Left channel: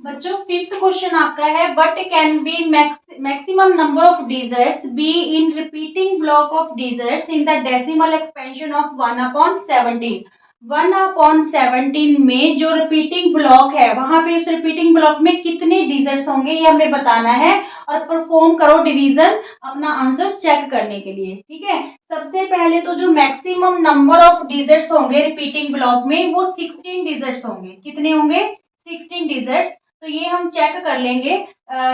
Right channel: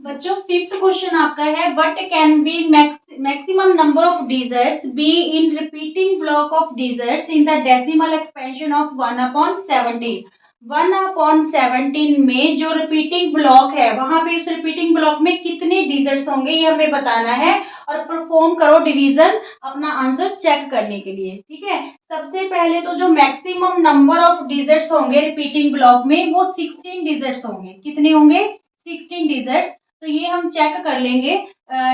बच्चों fifth question आपका है what can be maximum number of digits be in repeating block of digits in the decimal expansion of 1/17। 1/17 में जो repeating block है वहां पे उस रिपीटिंग ब्लॉक में कितने डिजिट्स होंगे ये हमें बताना है और परफॉर्म करो डिवीजन अपना आंसर चेक करने के लिए। ठीक है, सबसे पहले तो जो मैक्सिमम नंबर ऑफ डिजिट्स होंगे रिपीटिंग ब्लॉक में वो 16 डिजिट्स होंगे। कितने होंगे? 16 डिजिट्स। तो ये हम चेक कर लेंगे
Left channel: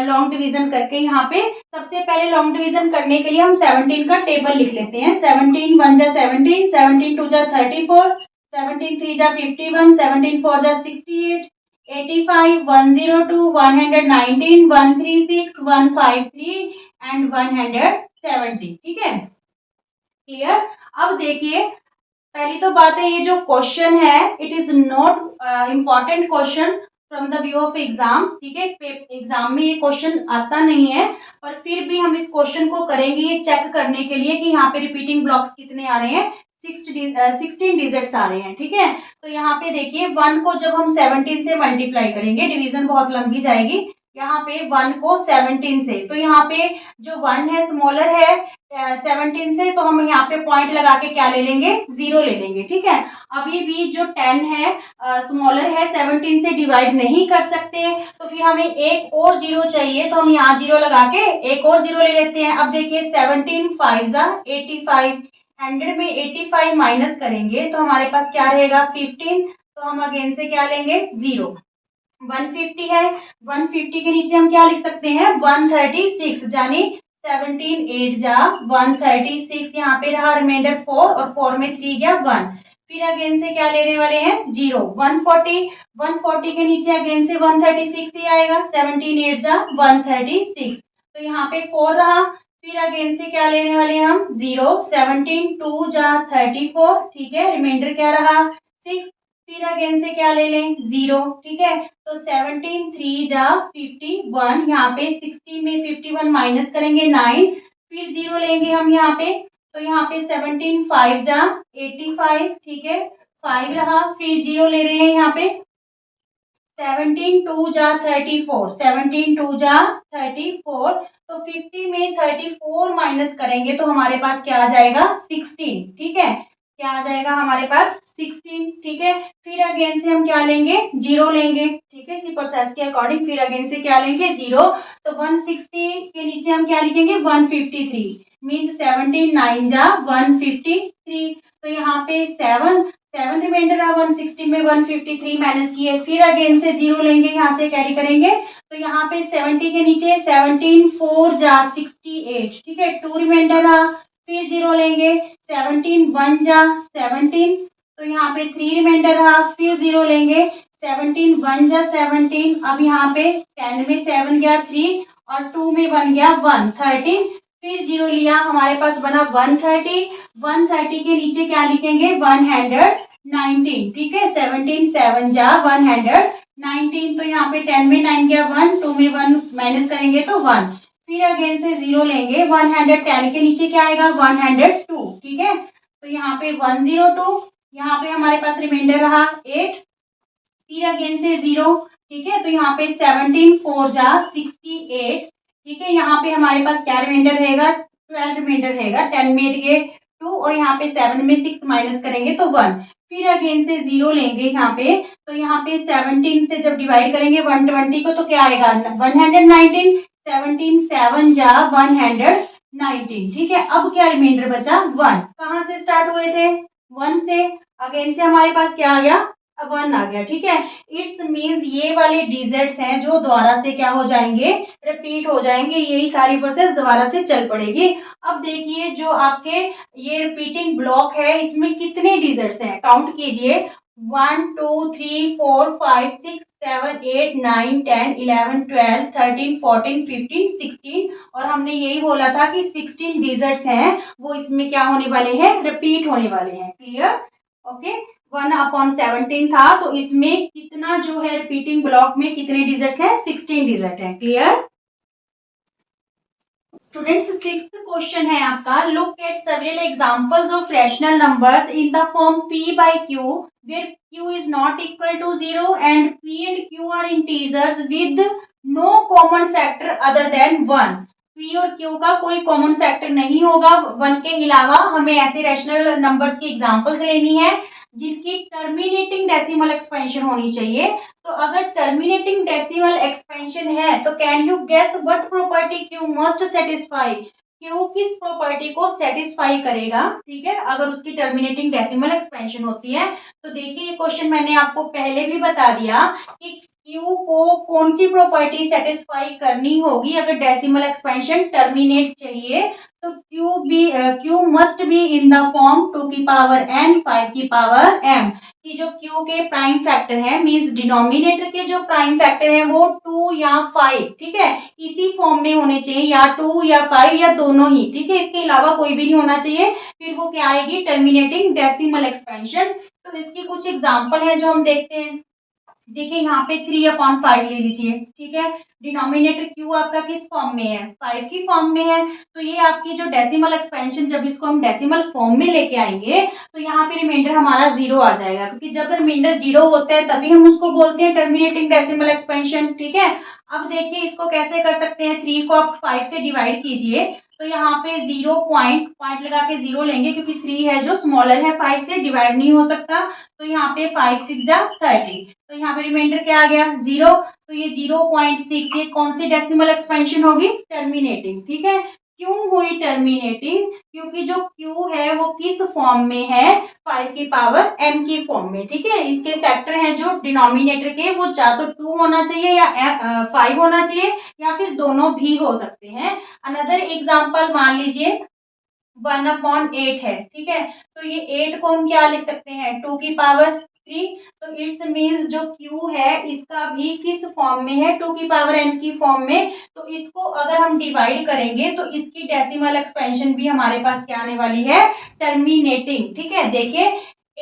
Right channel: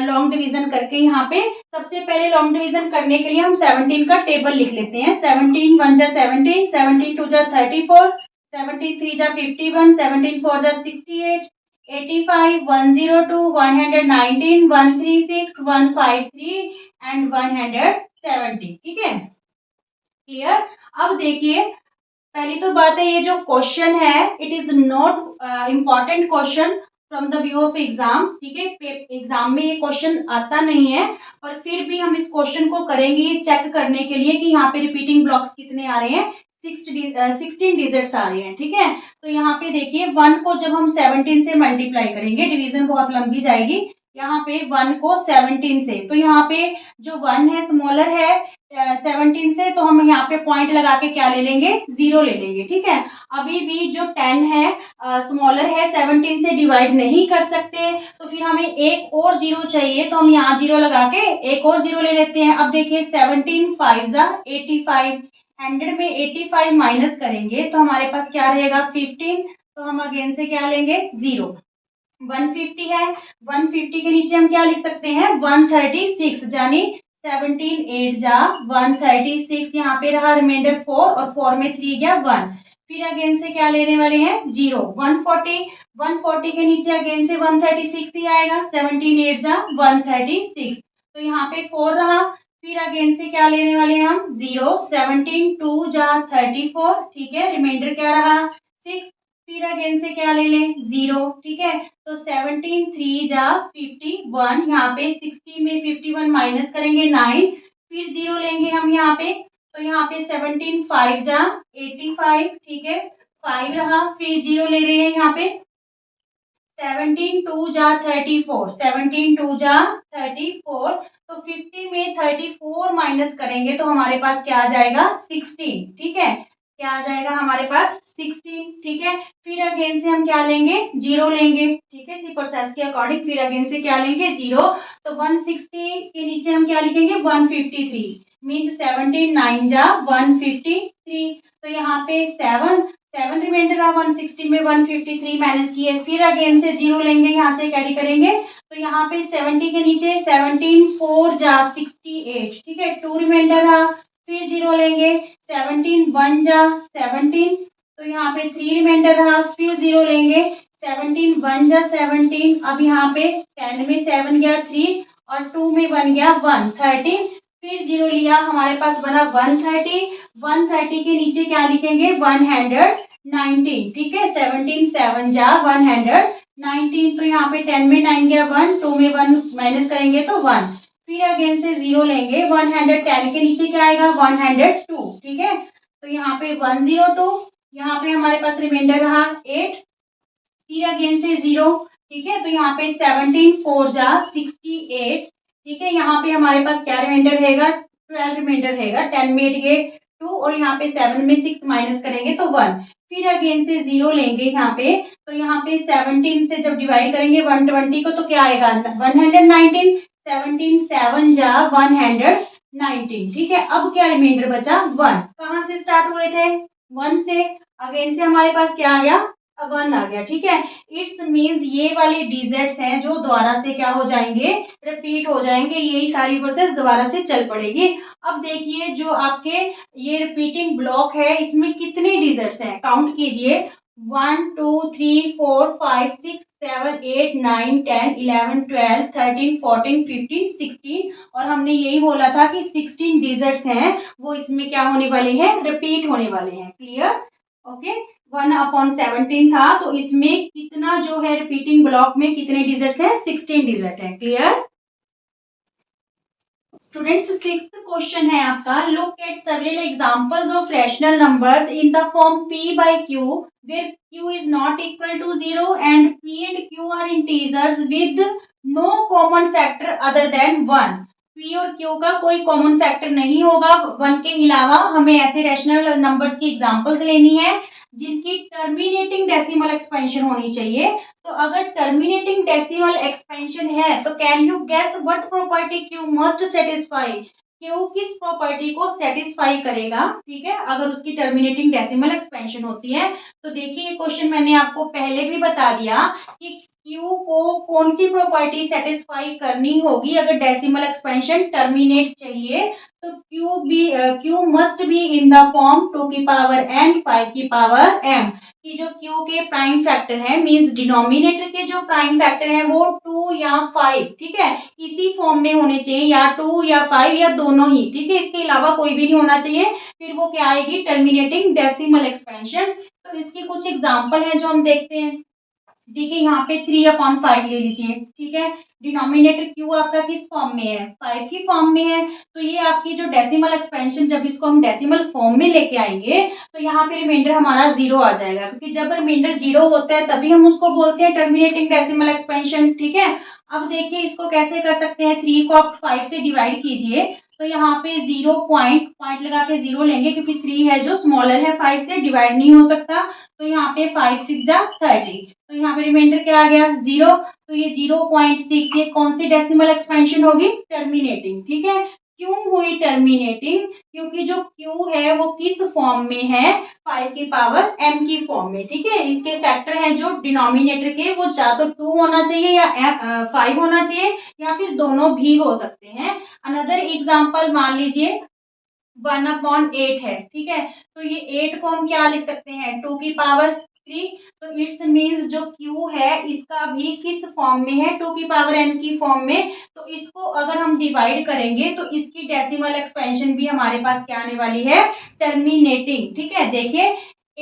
लॉन्ग डिवीजन करके। यहाँ पे सबसे पहले लॉन्ग डिवीजन करने के लिए हम 17 का टेबल लिख लेते हैं। 17 1 जा 17, 17 2 जा 34, 17 3 जा 51, 17 4 जा 68, 85 102 119 136 153 एंड 170। ठीक है, क्लियर। अब देखिए, पहली तो बात है ये जो क्वेश्चन है it is not important question from the view of exam. ठीक है, एग्जाम में ये क्वेश्चन आता नहीं है, पर फिर भी हम इस क्वेश्चन को करेंगे ये चेक करने के लिए कि यहाँ पे रिपीटिंग ब्लॉक्स कितने आ रहे हैं। 16 डिजिट्स आ रहे हैं। ठीक है, तो यहाँ पे देखिए 1 को जब हम 17 से मल्टीप्लाई करेंगे डिवीजन बहुत लंबी जाएगी। यहाँ पे 1 को 17 से, तो यहाँ पे जो 1 है स्मॉलर है 17 से, तो हम यहाँ पे पॉइंट लगा के क्या ले लेंगे? 0 ले लेंगे। ठीक है, अभी भी जो 10 है स्मॉलर है 17 से डिवाइड नहीं कर सकते, तो फिर हमें एक और 0 चाहिए, तो हम यहाँ 0 लगा के एक और 0 ले लेते हैं। अब देखिए 17 5 जा 85, 100 में 85 माइनस करेंगे तो हमारे पास क्या रहेगा? 15। तो हम अगेन से क्या लेंगे? 0। 150 है, 150 के नीचे हम क्या लिख सकते हैं? 136, यानी 17 8 जा 136। यहाँ पे रहा रिमाइंडर 4 और 4 में 3 गया 1। फिर अगेन से क्या लेने वाले हैं? 0। 140, 140 के नीचे अगेन से 136 ही आएगा। 17 8 जा 136, तो यहाँ पे 4 रहा। फिर अगेन से क्या लेने वाले हैं हम? 0। 17 2 जा 34। ठीक है, रिमाइंडर क्या रहा? 6। फिर अगेन से क्या ले लें? 0। ठीक है, तो 17 3 जा 51, यहाँ पे 60 में 51 माइनस करेंगे 9, फिर 0 लेंगे हम यहाँ पे, तो यहाँ पे 17 5 जा 85। ठीक है, 5 रहा, फिर 0 ले रहे हैं यहाँ पे। 17 2 जा 34, 17 2 जा 34, तो 50 में 34 माइनस करेंगे तो हमारे पास क्या आ जाएगा? 16। ठीक है, क्या आ जाएगा हमारे पास? 16। ठीक है, फिर अगेन से हम क्या लेंगे? 0 लेंगे। ठीक है, इसी प्रोसेस के अकॉर्डिंग फिर अगेन से क्या लेंगे? 0। तो 160 के नीचे हम क्या लिखेंगे? 153, मीन्स 17 9 जा 153। तो यहाँ पे 7 रिमाइंडर है 160 में 153 माइनस किए, फिर अगेन से 0 लेंगे, यहाँ से कैरी करेंगे, तो यहाँ पे 70 के नीचे 17 4 जा 68। ठीक है, 2 रिमाइंडर रहा, फिर 0 लेंगे, 17 1 जा 17, तो यहाँ पे 3 रिमाइंडर रहा, फिर 0 लेंगे, 17 1 जा 17। अब यहाँ पे 10 में 7 गया 3 और 2 में 1 गया 1 13, फिर 0 लिया, हमारे पास बना 130। 130 के नीचे क्या लिखेंगे? 119। ठीक है, 17 7 जा 119, तो यहाँ पे 10 में 9 गया 1, 2 में 1 माइनस करेंगे तो 1, फिर अगेन से 0 लेंगे। 110 के नीचे क्या आएगा? 102। ठीक है, तो यहाँ पे 102, यहाँ पे हमारे पास रिमाइंडर रहा 8, फिर अगेन से 0। ठीक है, तो यहाँ पे 17 4 जा 68। ठीक है, यहाँ पे हमारे पास क्या रिमाइंडर रहेगा? 12 रिमाइंडर रहेगा। 10 में 8 गए 2 और यहाँ पे 7 में 6 माइनस करेंगे तो 1, फिर अगेन से 0 लेंगे यहाँ पे, तो यहाँ पे 17 से जब डिवाइड करेंगे 120 को तो क्या आएगा? 119। 17 7 जा 119। ठीक है, अब क्या रिमाइंडर बचा? 1। कहाँ से स्टार्ट हुए थे? 1 से, अगेन से हमारे पास क्या आ गया? अब 1 आ गया। ठीक है, इट्स मीन्स ये वाले डिजिट्स हैं जो दोबारा से क्या हो जाएंगे? रिपीट हो जाएंगे, यही सारी प्रोसेस दोबारा से चल पड़ेगी। अब देखिए जो आपके ये रिपीटिंग ब्लॉक है इसमें कितने डिजिट्स हैं? काउंट कीजिए, 1 2 3 4 5 6 7 8 9 10 11 12 13 14 15 16, और हमने यही बोला था कि 16 डिजिट्स हैं वो इसमें क्या होने वाले हैं? रिपीट होने वाले हैं। क्लियर? ओके, 1/17 था, तो इसमें कितना जो है रिपीटिंग ब्लॉक में कितने डिजिट्स हैं? 16 डिजिट है। क्लियर? स्टूडेंट्स, सिक्स्थ क्वेश्चन है आपका, look at several examples of rational numbers in the form p by q where q is not equal to 0 and p and q are integers with no common factor other than 1। p और q का कोई common factor नहीं होगा 1 के अलावा। हमें ऐसे rational numbers की एग्जांपल्स लेनी है जिनकी टर्मिनेटिंग डेसिमल एक्सपेंशन होनी चाहिए। तो अगर टर्मिनेटिंग डेसिमल एक्सपेंशन है तो can you guess what property Q must satisfy. Q किस प्रॉपर्टी को सेटिस्फाई करेगा, ठीक है, अगर उसकी टर्मिनेटिंग डेसिमल एक्सपेंशन होती है। तो देखिए ये क्वेश्चन मैंने आपको पहले भी बता दिया कि क्यू को कौन सी प्रॉपर्टी सेटिस्फाई करनी होगी अगर डेसिमल एक्सपेंशन टर्मिनेट चाहिए। तो Q must be in the form 2 की पावर n 5 की पावर m। कि जो क्यू के प्राइम फैक्टर है मींस डिनोमिनेटर के जो प्राइम फैक्टर है वो 2 या 5, ठीक है, इसी फॉर्म में होने चाहिए, या 2 या 5 या दोनों ही, ठीक है, इसके अलावा कोई भी नहीं होना चाहिए। फिर वो क्या आएगी, टर्मिनेटिंग डेसिमल एक्सपेंशन। तो इसकी कुछ एग्जांपल है जो हम देखते हैं। देखिए यहाँ पे 3/5 ले लीजिए, ठीक है, डिनोमिनेटर क्यू आपका किस फॉर्म में है, 5 की फॉर्म में है। तो ये आपकी जो डेसिमल एक्सपेंशन, जब इसको हम डेसिमल फॉर्म में लेके आएंगे तो यहाँ पे रिमाइंडर हमारा 0 आ जाएगा, क्योंकि जब रिमाइंडर 0 होता है तभी हम उसको बोलते हैं टर्मिनेटिंग डेसिमल एक्सपेंशन, ठीक है। अब देखिए इसको कैसे कर सकते हैं, 3 को आप 5 से डिवाइड कीजिए तो यहाँ पे 0 पॉइंट लगा के 0 लेंगे, क्योंकि 3 है जो स्मॉलर है 5 से, डिवाइड नहीं हो सकता। तो यहाँ पे 5 6 जा 30, तो यहाँ पे रिमाइंडर क्या आ गया, 0। तो ये 0.6 ये कौन सी डेसिमल एक्सपेंशन होगी, टर्मिनेटिंग, ठीक है। क्यों हुई टर्मिनेटिंग, क्योंकि जो क्यू है वो किस फॉर्म में है, 5 की पावर m की फॉर्म में, ठीक है। इसके फैक्टर हैं जो डिनोमिनेटर के, वो या तो 2 होना चाहिए या 5 होना चाहिए, या फिर दोनों भी हो सकते हैं। अनदर एग्जाम्पल मान लीजिए 1/8 है, ठीक है। तो ये 8 को हम क्या लिख सकते हैं, 2 की पावर 3। तो इट्स मीन्स जो क्यू है इसका भी किस फॉर्म में है, 2 की पावर n की फॉर्म में। तो इसको अगर हम डिवाइड करेंगे तो इसकी डेसिमल एक्सपेंशन भी हमारे पास क्या आने वाली है, टर्मिनेटिंग, ठीक है। देखिए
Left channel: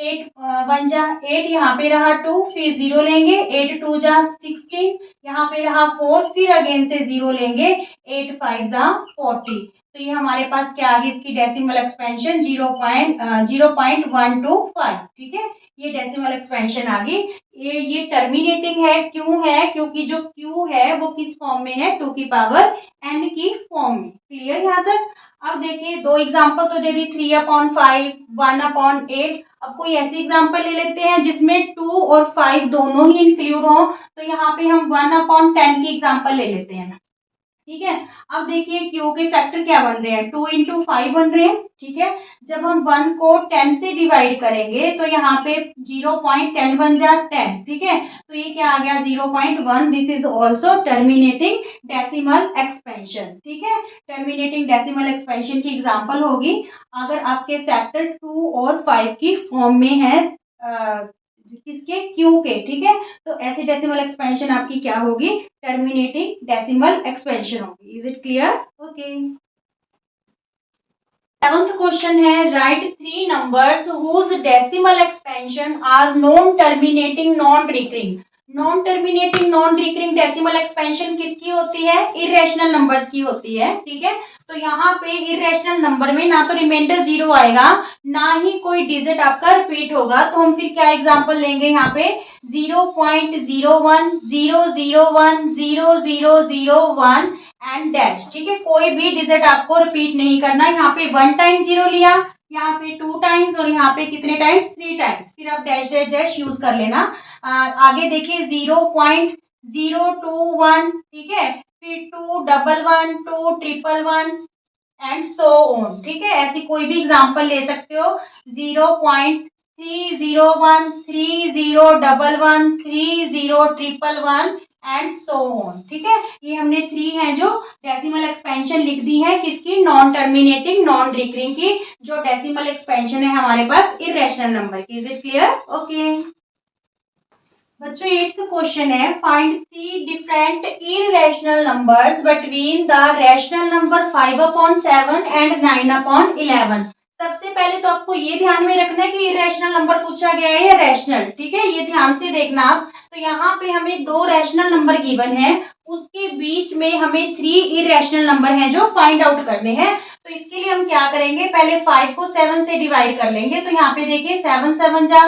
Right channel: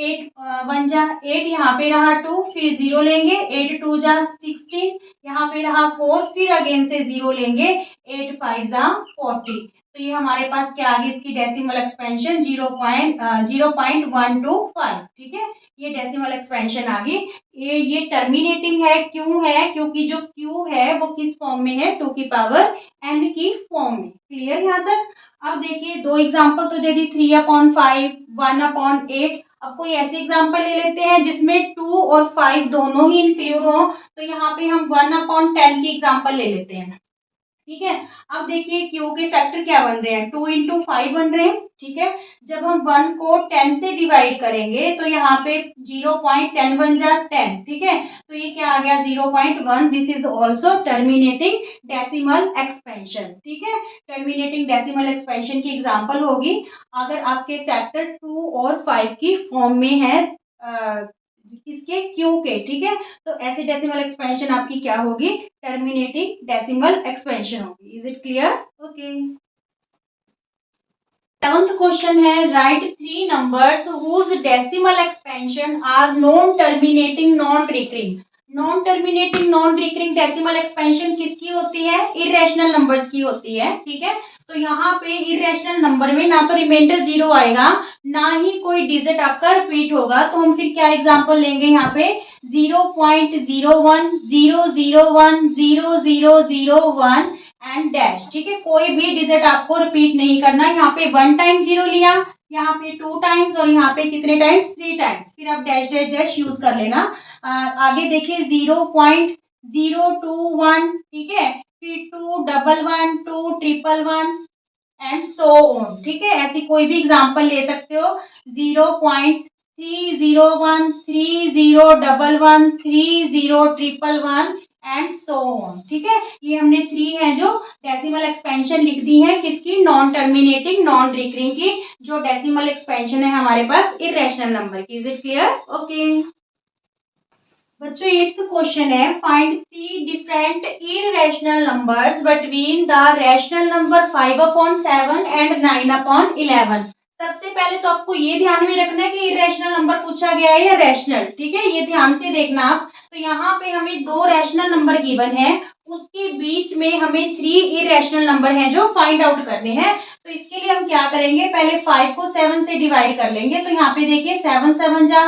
8 1 जा 8, यहाँ पे रहा 2, फिर 0 लेंगे, 8 2 जा 16, यहाँ पे रहा 4, फिर अगेन से 0 लेंगे, 8 5 जा 40। तो ये हमारे पास क्या आ गई, इसकी डेसिमल एक्सपेंशन 0.125, ठीक है। ये डेसिमल एक्सपेंशन आ गई। ये टर्मिनेटिंग है, क्यों है, क्योंकि जो क्यू है वो किस फॉर्म में है, 2 की पावर n की फॉर्म में। क्लियर यहाँ तक। अब देखिए दो एग्जांपल तो दे दी, 3/5 1/8। अब कोई ऐसी एग्जांपल ले लेते हैं जिसमें 2 और 5 दोनों ही इंक्लूड हो। तो यहाँ पे हम 1/10 की एग्जांपल ले लेते हैं, ठीक है। अब देखिए क्यू के फैक्टर क्या बन रहे हैं, 2 इंटू 5 बन रहे हैं, ठीक है। जब हम 1 को 10 से डिवाइड करेंगे तो यहाँ पे 0.10 बन जा 10, ठीक है। तो ये क्या आ गया, 0.1। This is also terminating decimal expansion, ठीक है। टर्मिनेटिंग डेसिमल एक्सपेंशन की एग्जाम्पल होगी अगर आपके फैक्टर 2 और 5 की फॉर्म में है, किसके, क्यू के, ठीक है। तो ऐसे डेसिमल एक्सपेंशन आपकी क्या होगी, टर्मिनेटिंग डेसिमल एक्सपेंशन होगी। Is it clear, okay. Seventh question है, write 3 numbers whose decimal expansion are non terminating non recurring. Non terminating non recurring decimal expansion किसकी होती है, इरेशनल नंबर्स की होती है, ठीक है। तो यहाँ पे इरेशनल नंबर में ना तो रिमाइंडर 0 आएगा, ना ही कोई डिजिट आपका रिपीट होगा। तो हम फिर क्या एग्जांपल लेंगे, यहाँ पे 0.01 001 0001 एंड डैश, ठीक है। कोई भी डिजिट आपको रिपीट नहीं करना। यहाँ पे 1 टाइम 0 लिया, यहाँ पे 2 टाइम्स, और यहाँ पे कितने टाइम्स, 3 टाइम्स, फिर आप डैश डैश डैश यूज कर लेना। आगे देखिए 0.021, ठीक है, फिर 211 211 एंड सो ऑन, ठीक है। ऐसी कोई भी एग्जांपल ले सकते हो, 0.301 3011 3011 एंड सो ऑन, ठीक है। ये हमने 3 है जो डेसिमल एक्सपेंशन लिख दी है, किसकी, नॉन टर्मिनेटिंग नॉन रिकरिंग की, जो डेसिमल एक्सपेंशन है हमारे पास इरेशनल नंबर की। Is it clear, okay. बच्चों 8th क्वेश्चन है, find 3 different irrational numbers between the rational number 5/7 and 9/11। सबसे पहले तो आपको ये ध्यान में रखना है कि इरेशनल नंबर पूछा गया है या रैशनल, ठीक है, ये ध्यान से देखना आप। तो यहाँ पे हमें 2 रैशनल नंबर गिवन है, उसके बीच में हमें 3 इरेशनल नंबर हैं जो फाइंड आउट करने हैं। तो इसके लिए हम क्या करेंगे, पहले 5 को 7 से डिवाइड कर लेंगे। तो यहाँ पे देखिए 7 7 जा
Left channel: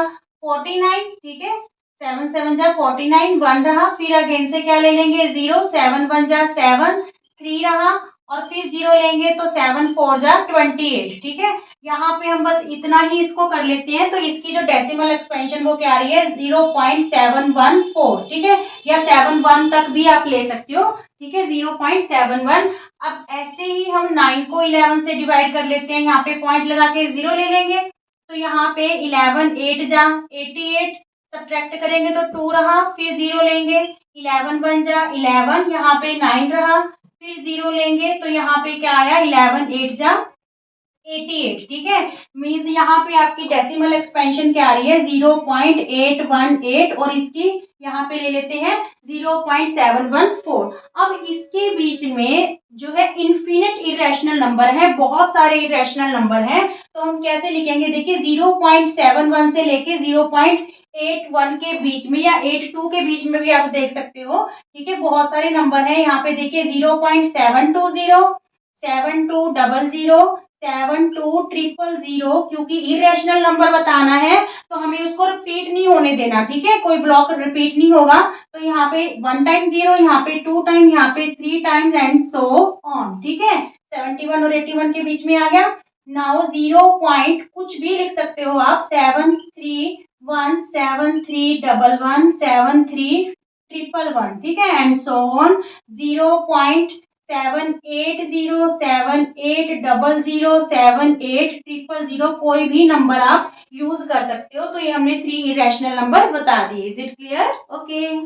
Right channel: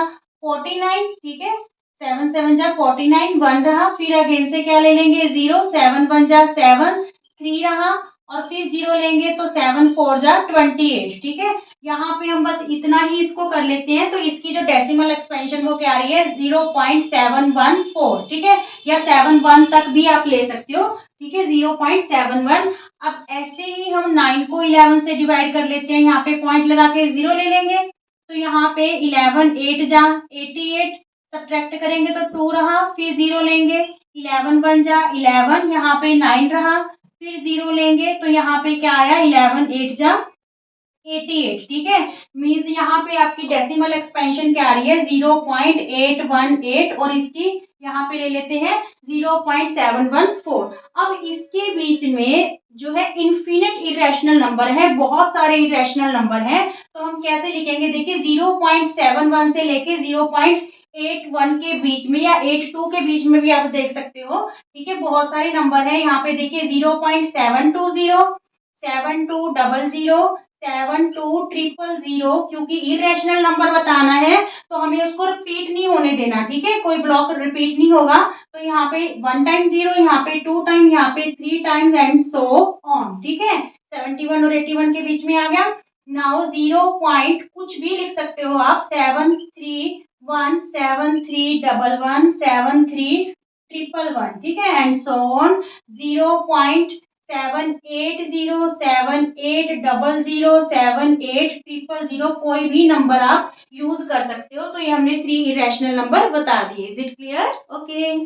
49, ठीक है, 7 7 जा 49, 1 रहा, फिर अगेन से क्या ले लेंगे 0, 7 1 जा 7, 3 रहा, और फिर 0 लेंगे तो 7 4 जा 28, ठीक है। यहाँ पे हम बस इतना ही इसको कर लेते हैं। तो इसकी जो डेसिमल एक्सपेंशन वो क्या आ रही है 0.714, ठीक है, या 71 तक भी आप ले सकते हो, ठीक है, 0.71। अब ऐसे ही हम 9 को 11 से डिवाइड कर लेते हैं, यहाँ पे पॉइंट लगा के 0 ले लेंगे। तो यहाँ पे 11 8 जा 88, सब्ट्रैक्ट करेंगे तो 2 रहा, फिर 0 लेंगे, 11 1 जा 11, यहाँ पे 9 रहा, फिर 0 लेंगे तो यहाँ पे क्या आया 11 8 जा 88, ठीक है। मीन्स यहाँ पे आपकी डेसिमल एक्सपेंशन क्या आ रही है 0.818, और इसकी यहाँ पे ले लेते हैं 0.714। अब इसके बीच में जो है इन्फिनिट इरेशनल नंबर है, बहुत सारे इरेशनल नंबर हैं। तो हम कैसे लिखेंगे, देखिए 0.71 से लेके 0.81 के बीच में या 82 के बीच में भी आप देख सकते हो, ठीक है, बहुत सारे नंबर है। यहाँ पे देखिए 0.720, 7200, 7200, क्योंकि इरेशनल नंबर बताना है तो हमें उसको रिपीट नहीं होने देना, ठीक है, कोई ब्लॉक रिपीट नहीं होगा। तो यहाँ पे 1 टाइम 0, यहाँ पे 2 टाइम, यहाँ पे 3 टाइम्स एंड सो ऑन, ठीक है। 71 और 81 के बीच में आ गया। नाउ 0 पॉइंट कुछ भी लिख सकते हो आप, 731 7311 73111, ठीक है, एंड सो ऑन। 0.780 7800 7800, कोई भी नंबर आप यूज कर सकते हो। तो ये हमने 3 इरेशनल नंबर बता दिए। Is it clear? Okay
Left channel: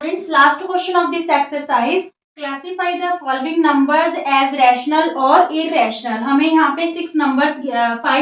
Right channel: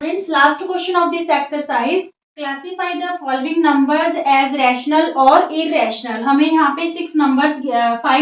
friends, last question of this exercise, classify the following numbers as rational और इरेशनल। हमें यहाँ पे 5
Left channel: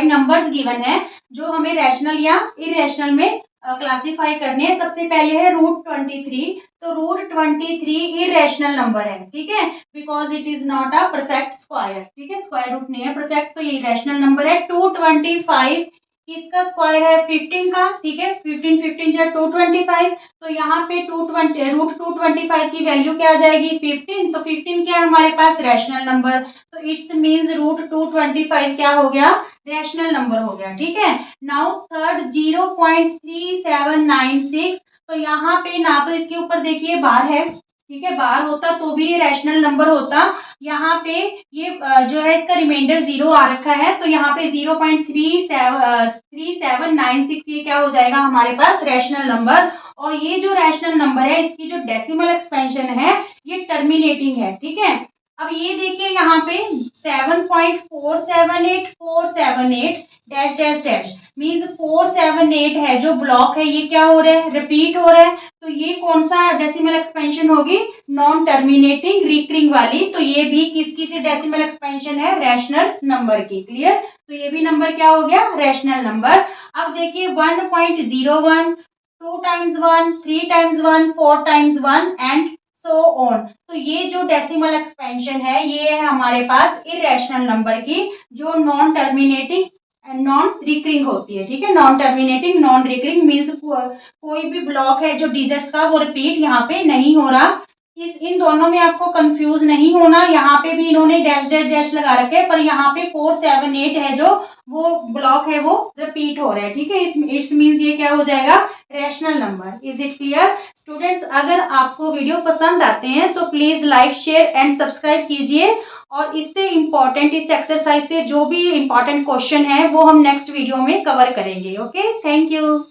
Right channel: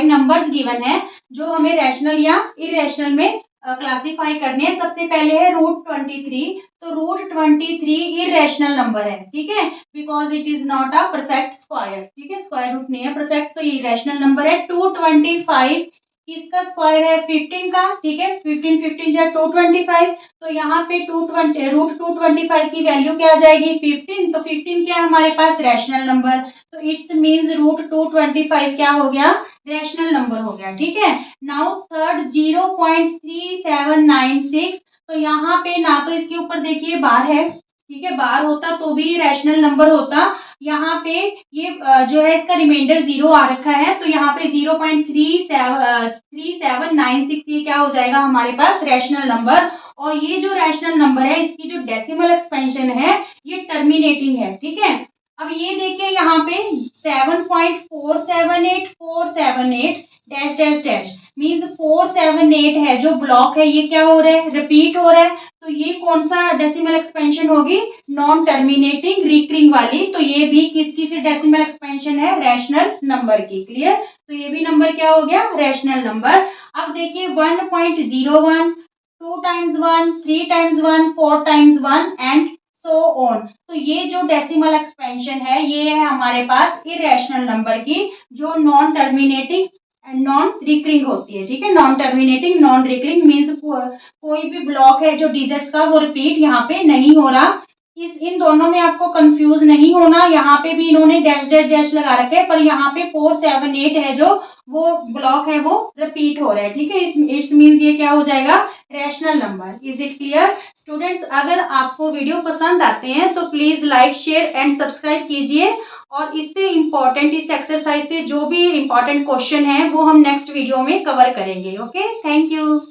नंबर्स गिवन है जो हमें रैशनल या इरेशनल में क्लासिफाई करने हैं। सबसे पहले है √23। तो √23 इरेशनल नंबर है, ठीक है, because it is not a perfect square, ठीक है, स्क्वायर रूट नहीं है परफेक्ट, तो ये इरेशनल नंबर है। 225 किसका स्क्वायर है 15 का, ठीक है, 15 15 या 225। तो यहाँ पे √225 की वैल्यू क्या आ जाएगी 15। तो 15 क्या है हमारे पास रैशनल नंबर, तो इट्स मीन्स √225 क्या हो गया रैशनल नंबर हो गया, ठीक है। Now third 0.3796। तो यहाँ पे ना तो इसके ऊपर देखिए बार है, ठीक है, बार होता तो भी रैशनल नंबर होता। यहाँ पे ये जो है इसका रिमाइंडर 0 आ रखा है, तो यहाँ पे 0.3796 ये क्या हो जाएगा हमारे पास रैशनल नंबर। और ये जो रैशनल नंबर है इसकी जो डेसिमल एक्सपेंशन है ये टर्मिनेटिंग है, ठीक है। अब ये देखिए यहाँ पे 7.478478 डैश डैश डैश मीन्स 478 है जो ब्लॉक है, ये क्या हो रहा है रिपीट हो रहा है। तो ये कौन सा डेसिमल एक्सपेंशन होगी नॉन टर्मिनेटिंग रिकरिंग वाली। तो ये भी किसकी फिर डेसिमल एक्सपेंशन है रैशनल नंबर की। क्लियर? तो ये भी नंबर क्या हो गया रैशनल नंबर। अब देखिए 1.01, 2 times 1, 3 times 1, 4 times 1 and so on. तो ये जो डेसिमल एक्सपेंशन है ये है हमारे पास इरेशनल नंबर की जो non terminating and non recurring होती है, ठीक है। Non terminating non recurring means कोई भी ब्लॉक है जो डिजिट्स का वो रिपीट यहाँ पे नहीं हो रहा। इन दोनों में आपको कंफ्यूज नहीं होना, यहाँ पे भी इन्होंने डैश डैश डैश लगा रखे हैं पर यहाँ पे 478 है जो वो ब्लॉक है वो रिपीट हो रहा है, ठीक है। इट्स मीन्स ये क्या हो जाएगा rational number. Is it clear students? अगर आपको वीडियो पसंद आते हैं तो please like share and subscribe कीजिए, और इससे इम्पॉर्टेंट इस एक्सरसाइज से जो भी इम्पॉर्टेंट क्वेश्चन है वो हम नेक्स्ट वीडियो में कवर करेंगे। Okay, thank you.